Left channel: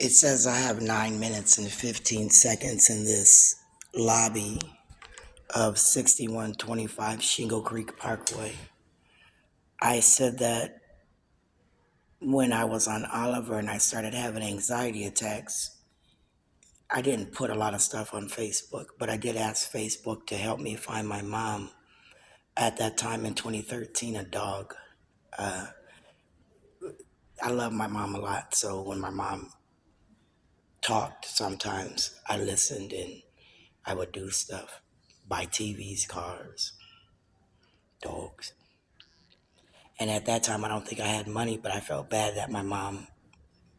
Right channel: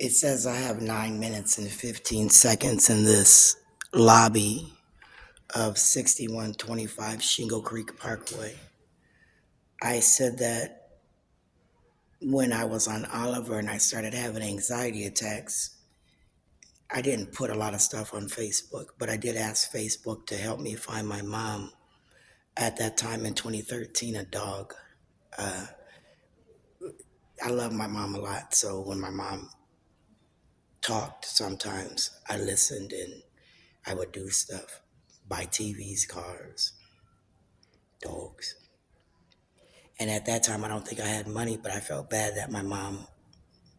It says I have 9 minutes and 15 seconds in this lobby of 6125 Shingle Creek Parkway. I said that when I was on Oliver and I started having anxiety attacks, I didn't put a lot of stuff on Facebook, but I did ask Facebook to help me find my mom. At that time in 2013, a dog. I love my mom a lot, so when my mom talked, sometimes I listened and I would do stuff. Buy TVs, cars, dogs. And at that time, I don't think I had money, but I felt bad that my mom,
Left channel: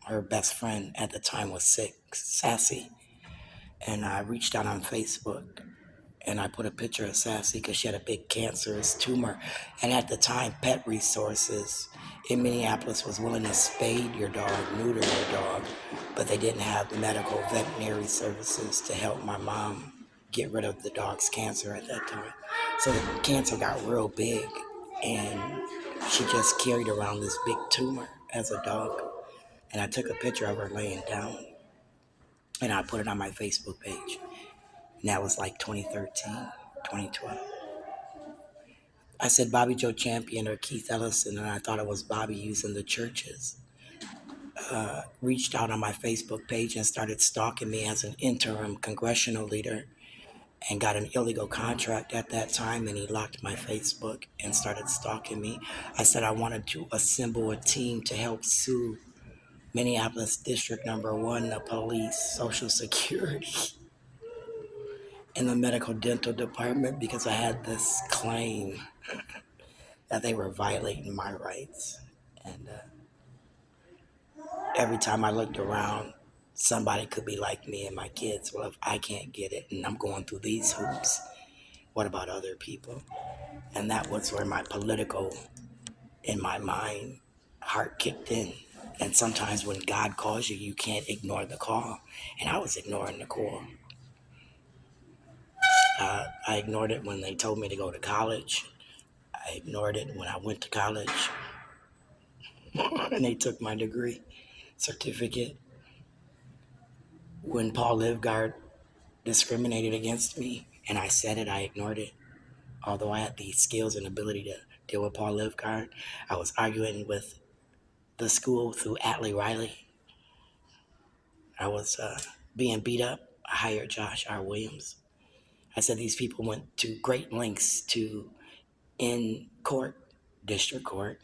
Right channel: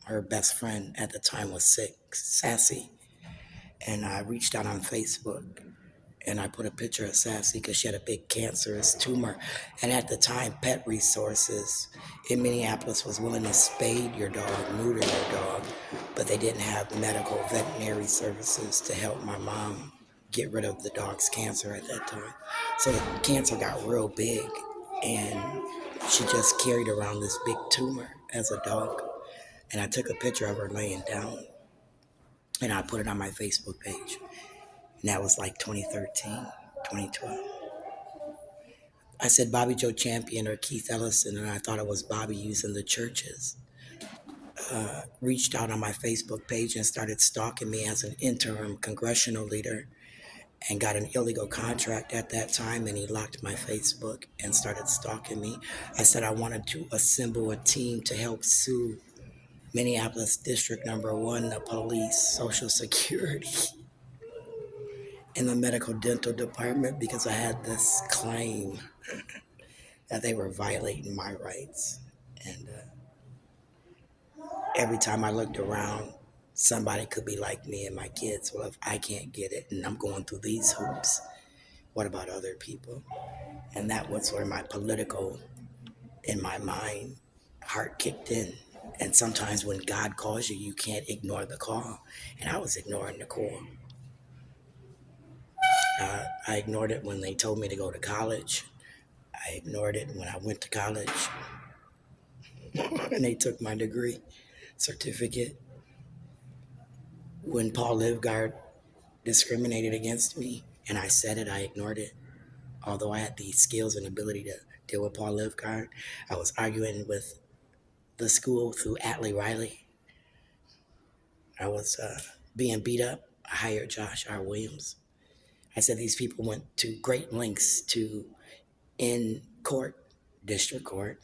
her best friend at the time, was sick, Sassy. And I reached out on Facebook and I put a picture of Sassy because she had a big cancerous tumor. And at the time, Pet Resources in Minneapolis was willing to spade your dog, neuter your dog, but they didn't have medical veterinary services to help my mom get rid of the dog's cancer at that time. So the cancer got real big and she just carried around this big tumor as a dog. And I took a picture of her laying down and I put it on my Facebook page. And that was like 2013, 2012. I said Bobby Joe Champion or Keith Ellison, and I thought it was Bobby using the churches. Reached out on my Facebook page and started stalking me as an interim congressional leader and got an illegal contract at that time, and he locked my Facebook and started stalking me. I said I wanted to assemble a team to help sue Minneapolis District Number 1, the police, Social Security, in the medical dental department because I had this claim that they were violating my rights. And every time I looked around, somebody could be like me and my kids. Well, if I can't get it and I'm going through these hoops, what about other people? And that was where my political, in my mind, heart kicked in. And sometimes when God calls you, you can't ignore the call. And I was ignoring the call. I ignored it when they told me to go to college. I ignored it when I went to college and they took my degree certificate. When Paul Livgard discriminated against me and I said it, I ignored it. Although I had the skills and ability to deal with Paul Livgard, I was arguing with the school through Atlee Riley. I was being beat up. I hired Josh R. Williams. I said these people went to great lengths to, in court, district court.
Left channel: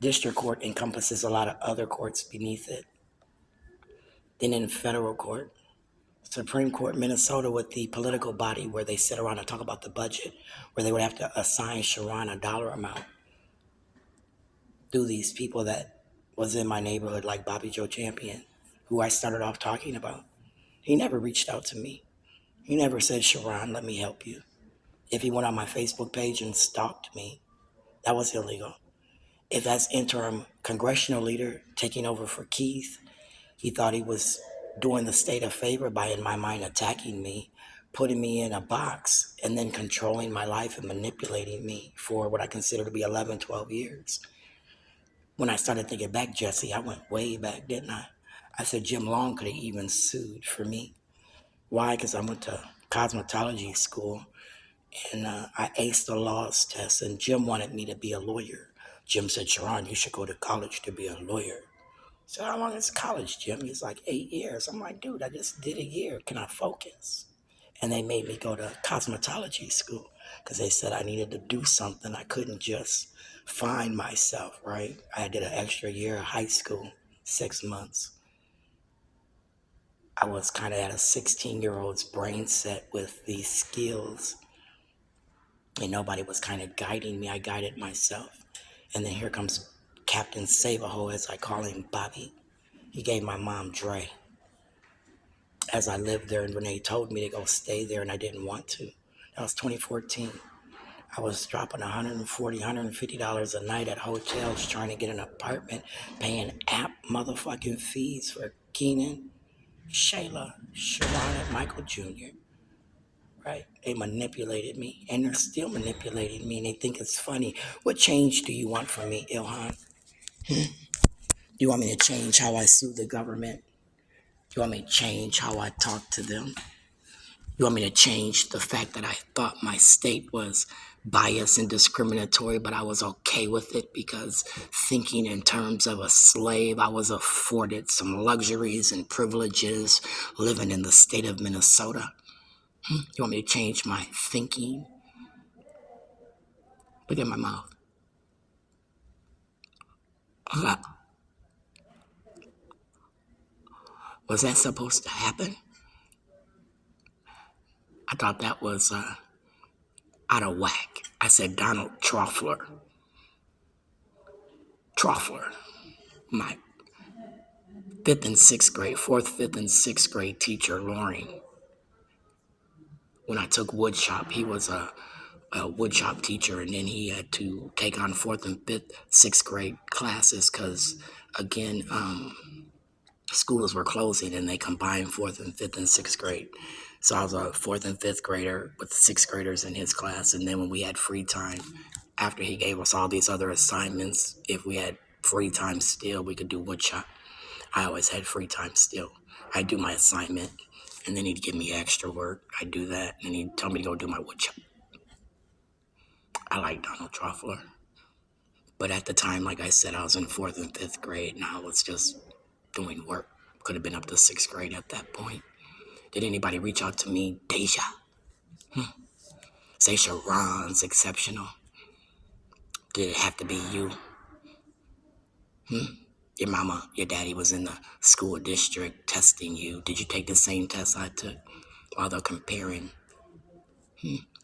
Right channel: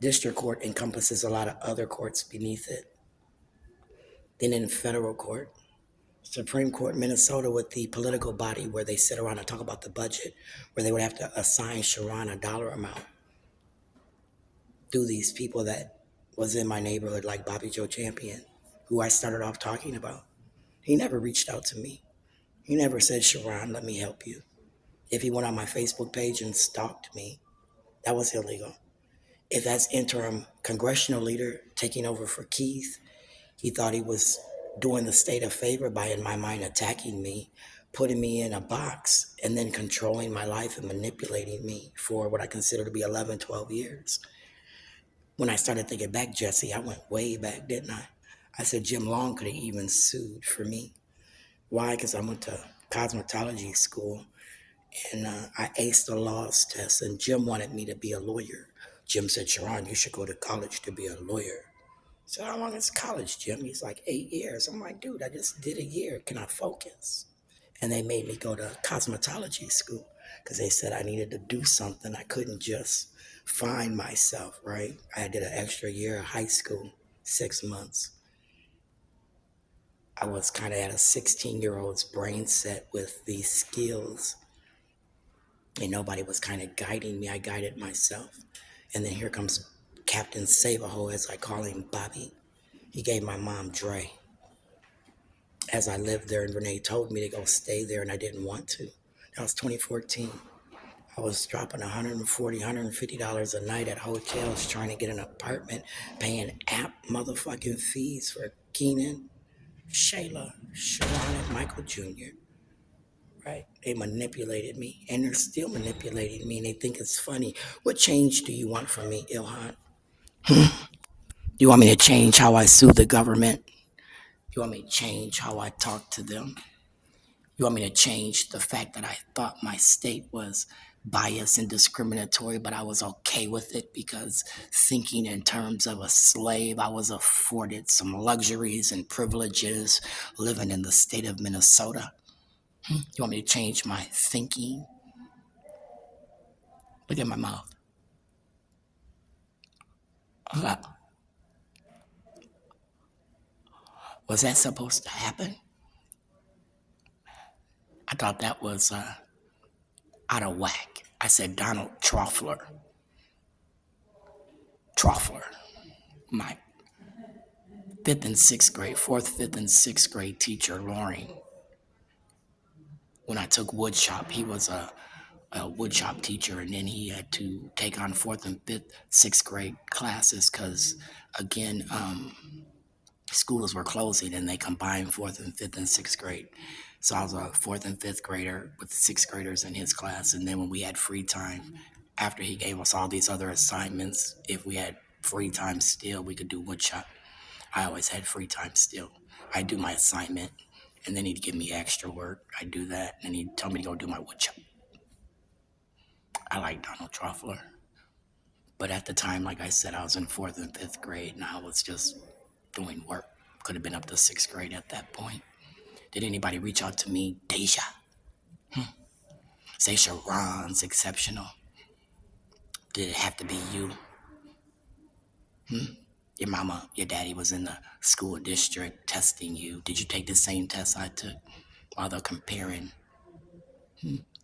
District court encompasses a lot of other courts beneath it. Then in federal court, Supreme Court, Minnesota, with the political body where they sit around and talk about the budget, where they would have to assign Schaaron a dollar amount through these people that was in my neighborhood, like Bobby Joe Champion, who I started off talking about. He never reached out to me. He never said, Schaaron, let me help you. If he went on my Facebook page and stalked me, that was illegal. If that's interim congressional leader taking over for Keith, he thought he was doing the state a favor by, in my mind, attacking me, putting me in a box, and then controlling my life and manipulating me for what I consider to be 11, 12 years. When I started thinking back, Jesse, I went way back, didn't I? I said Jim Long could have even sued for me. Why? Because I went to cosmetology school and I aced the laws test, and Jim wanted me to be a lawyer. Jim said, Schaaron, you should go to college to be a lawyer. So how long is college, Jim? He's like, 8 years. I'm like, dude, I just did a year. Can I focus? And they made me go to cosmetology school because they said I needed to do something. I couldn't just find myself, right? I did an extra year of high school, 6 months. I was kind of at a 16-year-old's brain set with these skills. And nobody was kind of guiding me. I guided myself. And then here comes Captain Save-A-Ho, as I call him, Bobby. He gave my mom Dre. As I lived there, and Renee told me to go stay there, and I didn't want to. That was 2014. I was dropping $140, $150 a night at hotels trying to get an apartment, paying app motherfucking fees for Keenan, Shayla, Schaaron, and Michael Jr. Right? They manipulated me, and they're still manipulating me, and they think it's funny. What change do you want from me, Ilhan? You want me to change how I sue the government? You want me to change how I talk to them? You want me to change the fact that I thought my state was biased and discriminatory, but I was okay with it because thinking in terms of a slave, I was afforded some luxuries and privileges living in the state of Minnesota? You want me to change my thinking? Look at my mouth. Was that supposed to happen? I thought that was out of whack. I said Donald Trotfler. My fourth, fifth, and sixth grade teacher, Loring. When I took woodshop, he was a woodshop teacher, and then he had to take on fourth and fifth, sixth grade classes because, again, schools were closing and they combined fourth and fifth and sixth grade. So I was a fourth and fifth grader with sixth graders in his class. And then when we had free time, after he gave us all these other assignments, if we had free time still, we could do woodshop. I always had free time still. I'd do my assignment, and then he'd give me extra work. I'd do that, and he'd tell me to go do my woodshop. I like Donald Trotfler. But at the time, like I said, I was in fourth and fifth grade, and I was just doing work. Could have been up to sixth grade at that point. Did anybody reach out to me? Deja? Say Schaaron's exceptional. Did it have to be you? Your mama, your daddy was in the school district testing you. Did you take the same test I took while they're comparing?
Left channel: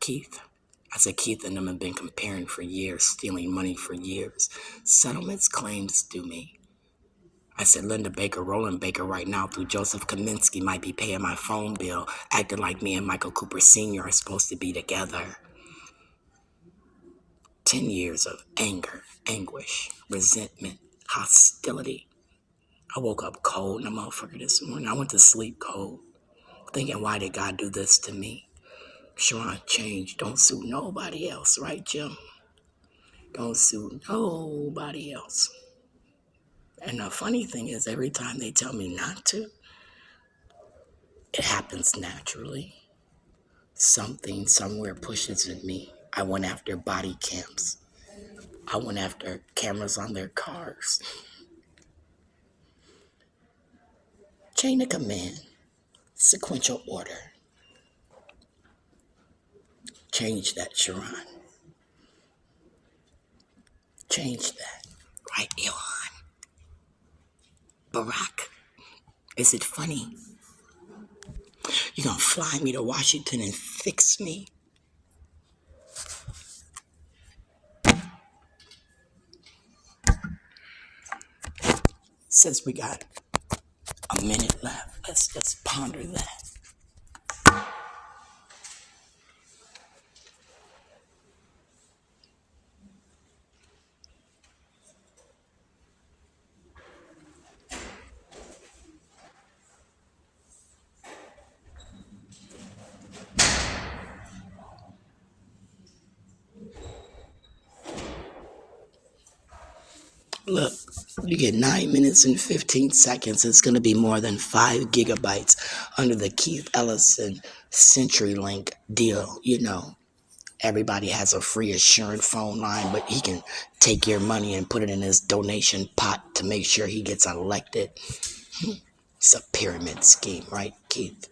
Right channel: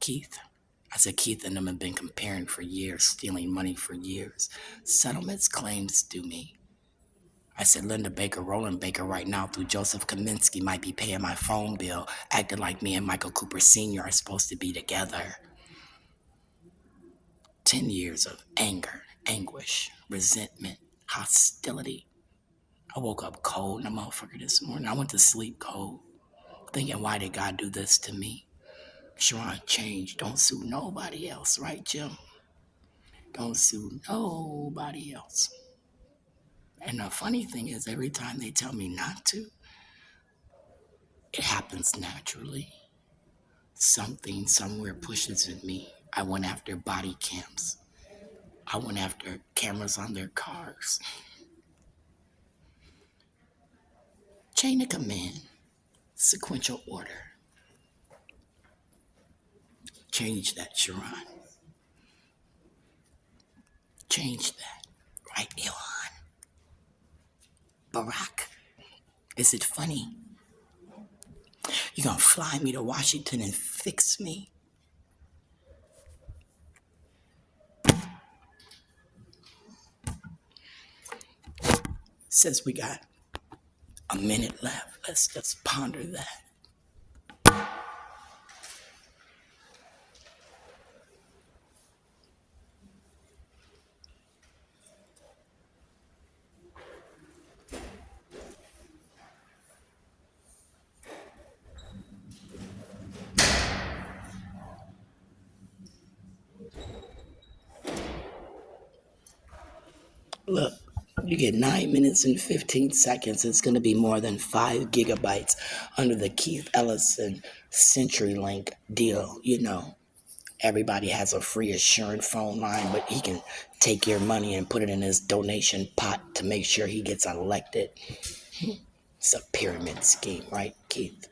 Keith. I said Keith and them have been comparing for years, stealing money for years. Settlements, claims due me. I said Linda Baker, Roland Baker right now through Joseph Kaminsky might be paying my phone bill, acting like me and Michael Cooper Sr. are supposed to be together. 10 years of anger, anguish, resentment, hostility. I woke up cold in a motherfucker this morning. I went to sleep cold, thinking, why did God do this to me? Schaaron, change. Don't sue nobody else, right, Jim? Don't sue nobody else. And the funny thing is, every time they tell me not to, it happens naturally. Something somewhere pushes at me. I went after body cams. I went after cameras on their cars. Chain of command. Sequential order. Change that, Schaaron. Change that. Right, Elon? Barack, is it funny? You gonna fly me to Washington and fix me? Since we got a minute left, let's ponder that. Look, you get 9 minutes and 15 seconds. It's going to be more than 5 gigabytes under the Keith Ellison CenturyLink deal. You know, everybody has a free assured phone line, but he can take your money and put it in his donation pot to make sure he gets elected. It's a pyramid scheme, right, Keith?